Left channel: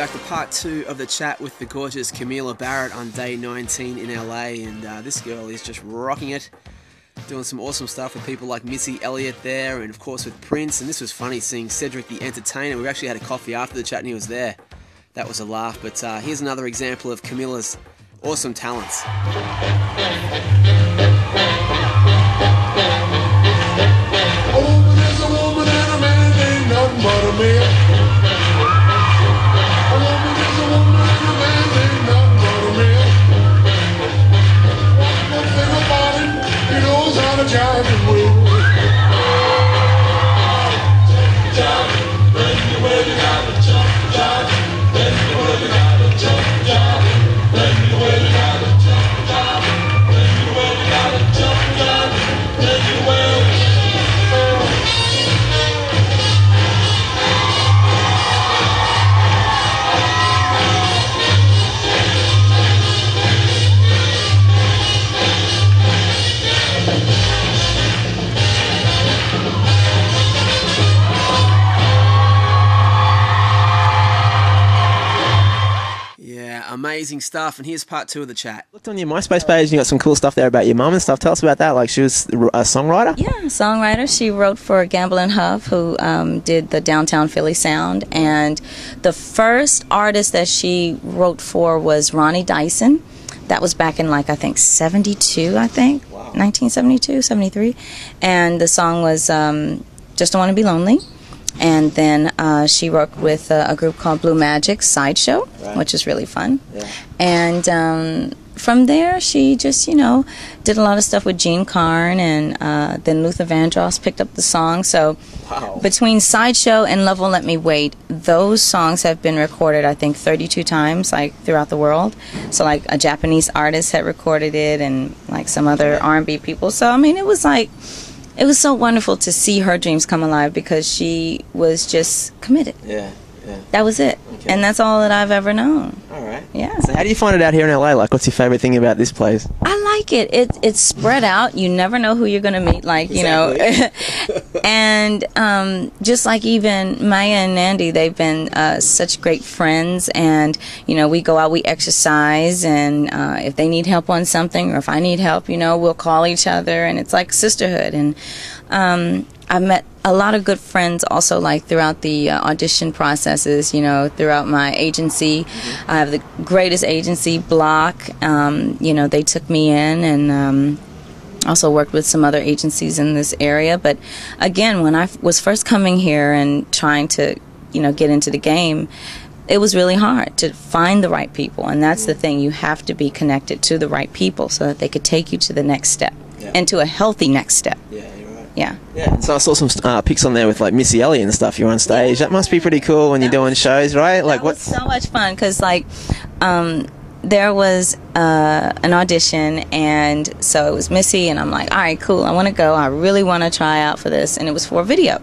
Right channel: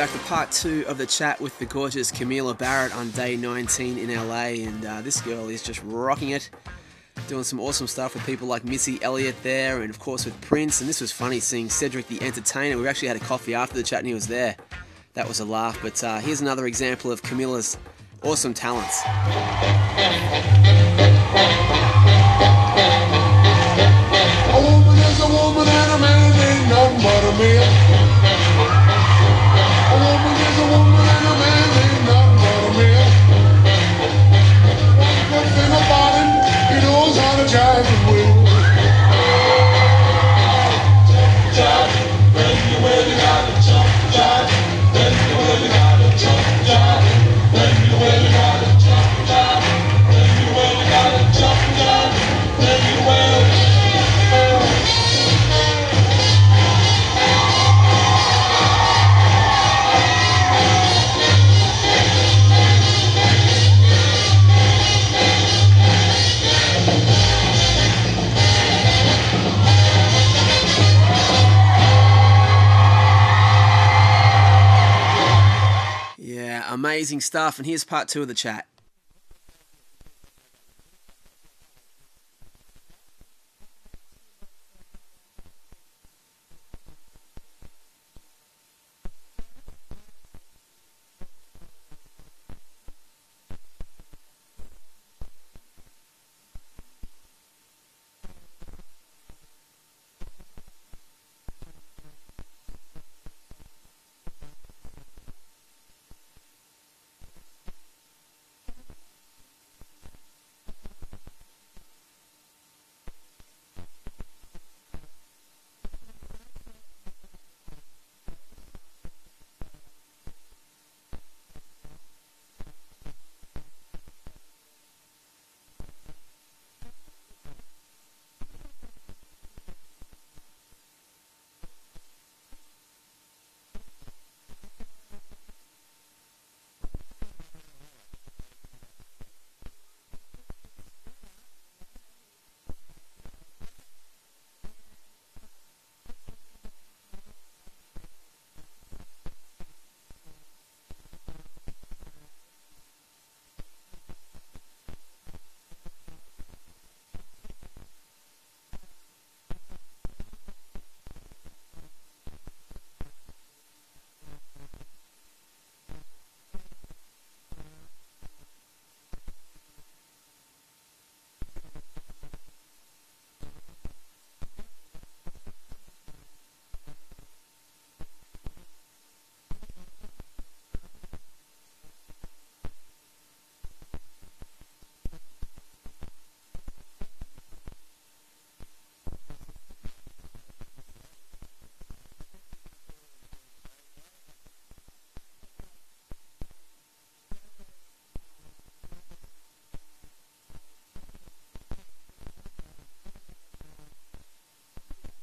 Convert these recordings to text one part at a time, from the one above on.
back to part 2 of the chat with the gorgeous Kamilah Barrett on day 19 in LA, and this girl is just rocking it, doing some awesome stuff with people like Missy Elliott there, and of course with Prince. And this was funny seeing Cedric the Entertainer. We actually had a coffee after the chat and he was there. That was a laugh, but here's another example of Kamilah's awesome talents. A woman is a woman and a man ain't nothing but a man. A woman is a woman and a man ain't nothing but a man. One good thing about him, he knows how to jive and wheel. Jive, when you will, you gotta jump, jive. When you will, you gotta jump, jive. When you will, you gotta jump, jive. When you will, you gotta jump, jive. When you will. Amazing stuff, and here's part 2 of the chat. Looked on your MySpace page and you got some cool stuff there about your mum and stuff. Tell us about that. Like, she was a songwriter? Yeah, songwriter. She wrote for Gamble and Huff, who did the Downtown Philly sound, and the first artist that she wrote for was Ronnie Dyson. That was back in, like, I think 72, I think. Wow. 1972, 73. And the song was Just Don't Want to Be Lonely. And then she worked with a group called Blue Magic Sideshow, right, which is really fun. Yeah. And from there, she just, you know, did a lot of stuff with Gene Carn, and then Luther Vandross picked up the song. So between Sideshow and Love Won't Let Me Wait, those songs have been recorded, I think, 32 times, like, throughout the world. So, like, a Japanese artist had recorded it, and, like, some other R&B people. So, I mean, it was like... It was so wonderful to see her dreams come alive because she was just committed. Yeah, yeah. That was it. Okay. And that's all that I've ever known. All right. Yeah. So how do you find it out here in LA? Like, what's your favorite thing about this place? I like it. It's spread out. You never know who you're going to meet, like, exactly. You know. And just like even Maya and Nandy, they've been such great friends. And, you know, we go out, we exercise, and if they need help on something or if I need help, you know, we'll call each other, and it's like sisterhood. And I've met a lot of good friends also, like, throughout the audition processes, you know, throughout my agency. I have the greatest agency, Block. You know, they took me in, and also worked with some other agencies in this area. But again, when I was first coming here and trying to, you know, get into the game, it was really hard to find the right people. And that's the thing. You have to be connected to the right people so that they could take you to the next step, and to a healthy next step. Yeah. Yeah. Yeah. So I saw some pics on there with, like, Missy Elliott and stuff. You're on stage. That must be pretty cool when you're doing shows, right? Like, what? So much fun because, like, there was an audition, and so it was Missy, and I'm like, all right, cool. I want to go. I really want to try out for this, and it was for a video.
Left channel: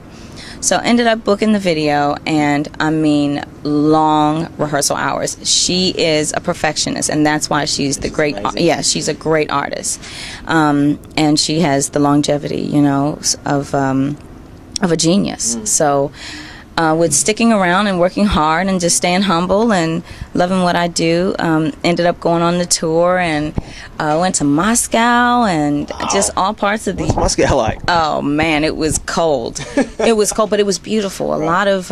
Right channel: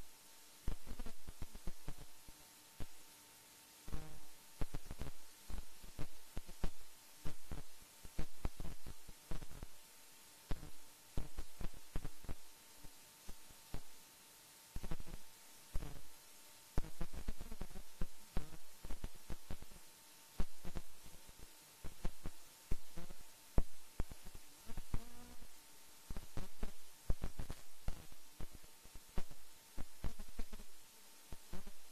So I ended up booking the video, and I mean, long rehearsal hours. She is a perfectionist, and that's why she's the great. Yeah, she's a great artist, and she has the longevity, you know, of a genius. So. With sticking around and working hard and just staying humble and loving what I do, ended up going on the tour, and went to Moscow and just all parts of the... What's Moscow like? Oh, man, it was cold. It was cold, but it was beautiful. A lot of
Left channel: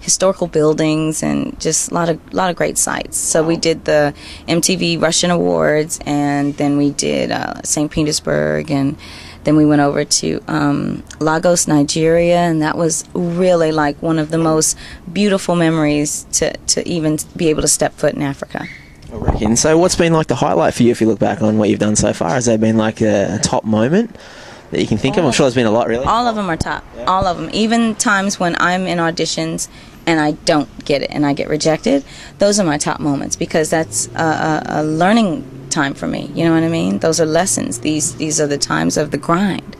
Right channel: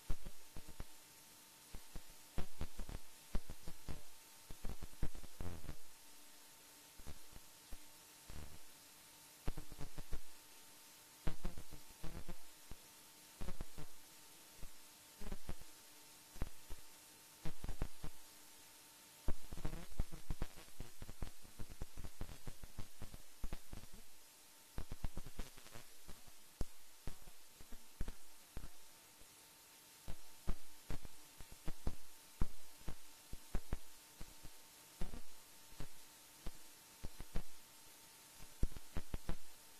historical buildings and just a lot of great sights. So we did the MTV Russian Awards, and then we did St. Petersburg, and then we went over to Lagos, Nigeria, and that was really like one of the most beautiful memories to even be able to step foot in Africa. I reckon. So what's been like the highlight for you if you look back on what you've done so far? Has there been like a top moment that you can think of? I'm sure there's been a lot, really. All of them are top. Yeah. All of them. Even times when I'm in auditions and I don't get it and I get rejected, those are my top moments because that's a learning time for me. You know what I mean? Those are lessons. These are the times of the grind,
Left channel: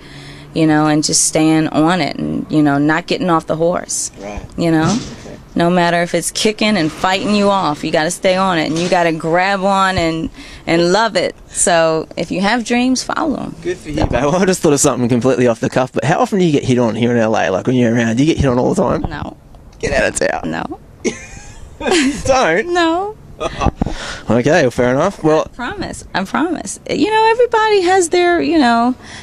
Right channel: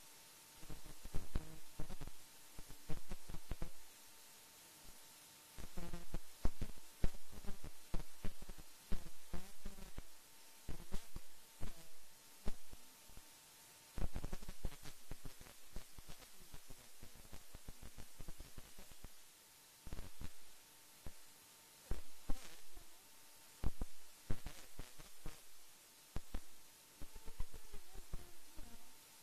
you know, and just staying on it and, you know, not getting off the horse. Right. You know? Okay. No matter if it's kicking and fighting you off, you got to stay on it and you got to grab on and love it. So if you have dreams, follow them. Good for you, babe. Well, I just thought of something completely off the cuff, but how often do you get hit on here in LA? Like when you're around, do you get hit on all the time? No. Get out of town. No. Don't? No. Okay, well, fair enough. Well, I promise. You know, everybody has their,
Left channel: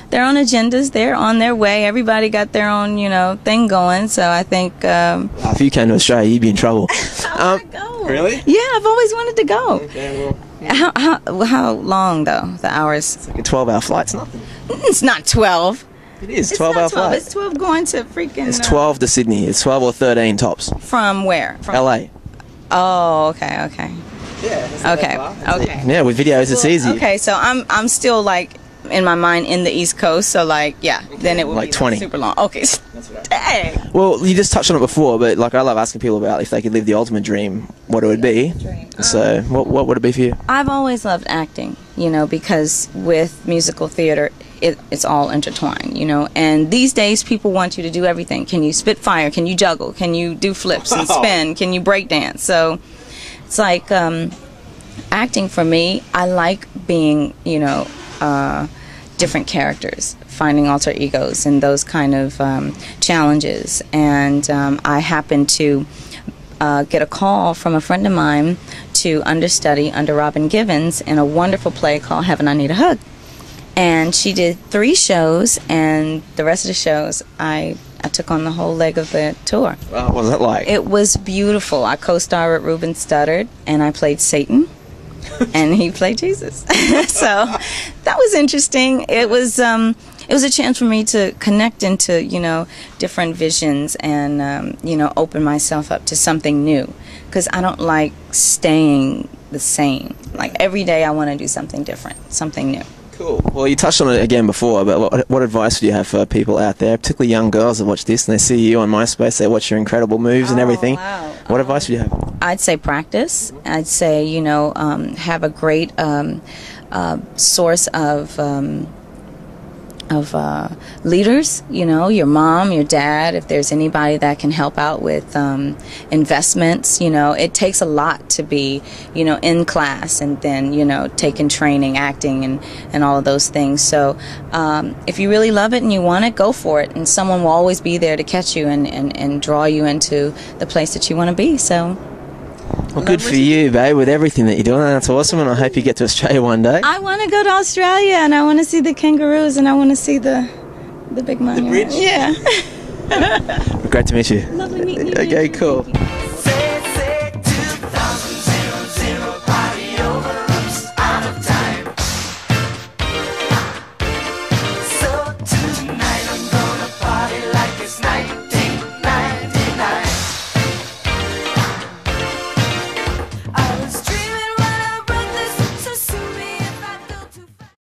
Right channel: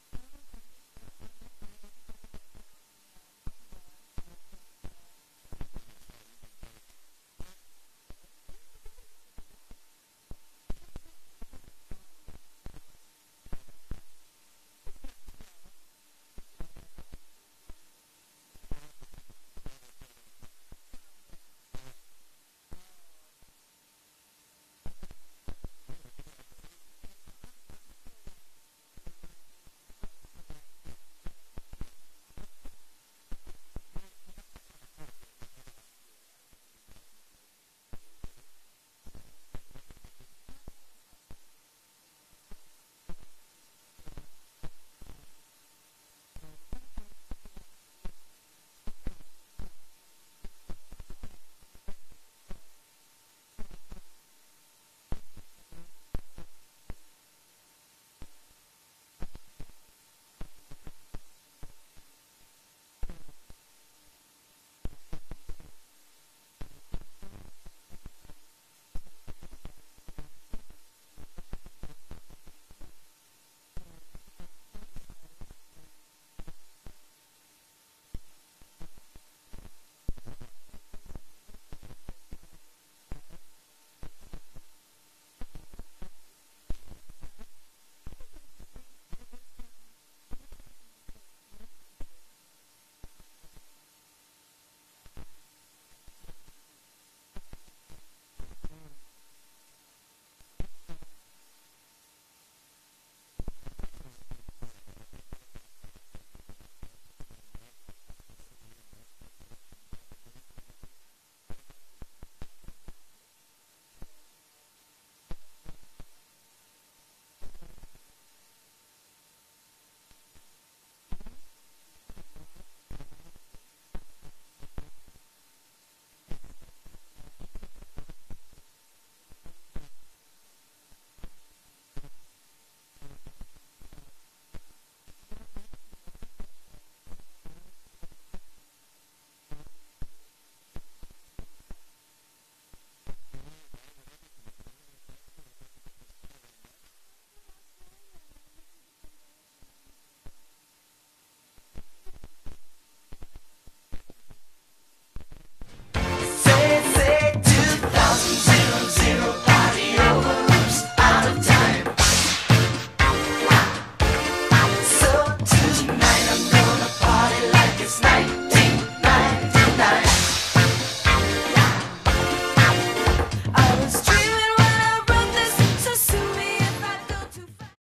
their own agendas. They're on their way. Everybody got their own, thing going. So I think. if you came to Australia, you'd be in trouble. I want to go. Really? Yeah, I've always wanted to go. Okay, well, How long though? The hours? it's like a 12-hour flight. It's nothing. It's not 12. It is. It's 12-hour not 12. flight. It's 12 going to freaking. It's 12 to Sydney. It's 12 or 13 tops. From where? From LA. Oh, okay. Yeah. Okay. Yeah, with videos, it's easy. Okay, so I'm still like in my mind in the East Coast, so like then it would Like be 20. super long. Okay. Dang. Well, you just touched on it before, but like I love asking people about if they could live the ultimate dream, what it would be. So, what would it be for you? I've always loved acting, because with musical theater, it's all intertwined, and these days people want you to do everything. Can you spit fire? Can you juggle? Can you do flips and spin? Can you break dance? So it's like acting for me, I like being, different characters, finding alter egos and those kind of challenges. And I happened to get a call from a friend of mine to understudy under Robin Givens in a wonderful play called Heaven, I Need a Hug. And she did 3 shows, and the rest of the shows I took on the whole leg of the tour. What was that like? It was beautiful. I co-starred with Ruben Studdard, and I played Satan, and he played Jesus. So that was interesting. It was a chance for me to connect into different visions and open myself up to something new, because I don't like staying the same. Like every day I want to do something different, something new. Cool. Well, you touched on it again before, but what advice would you have for people out there, particularly young girls that watch this and they see you on MySpace, they watch your incredible moves and everything? Wow. What advice would you have? I'd say practice. I'd say, have a great source of leaders, your mom, your dad, if there's anybody that can help out with investments. It takes a lot to be, in class and then, taking training, acting, and all of those things. So if you really love it and you want it, go for it. And someone will always be there to catch you and draw you into the place that you want to be. So. Well, good for you, babe, with everything that you're doing. That's awesome, and I hope you get to Australia one day. I want to go to Australia, and I want to see the kangaroos, and I want to see the big monument. bridge? Yeah. Great to meet you. Lovely meeting you. Okay, cool.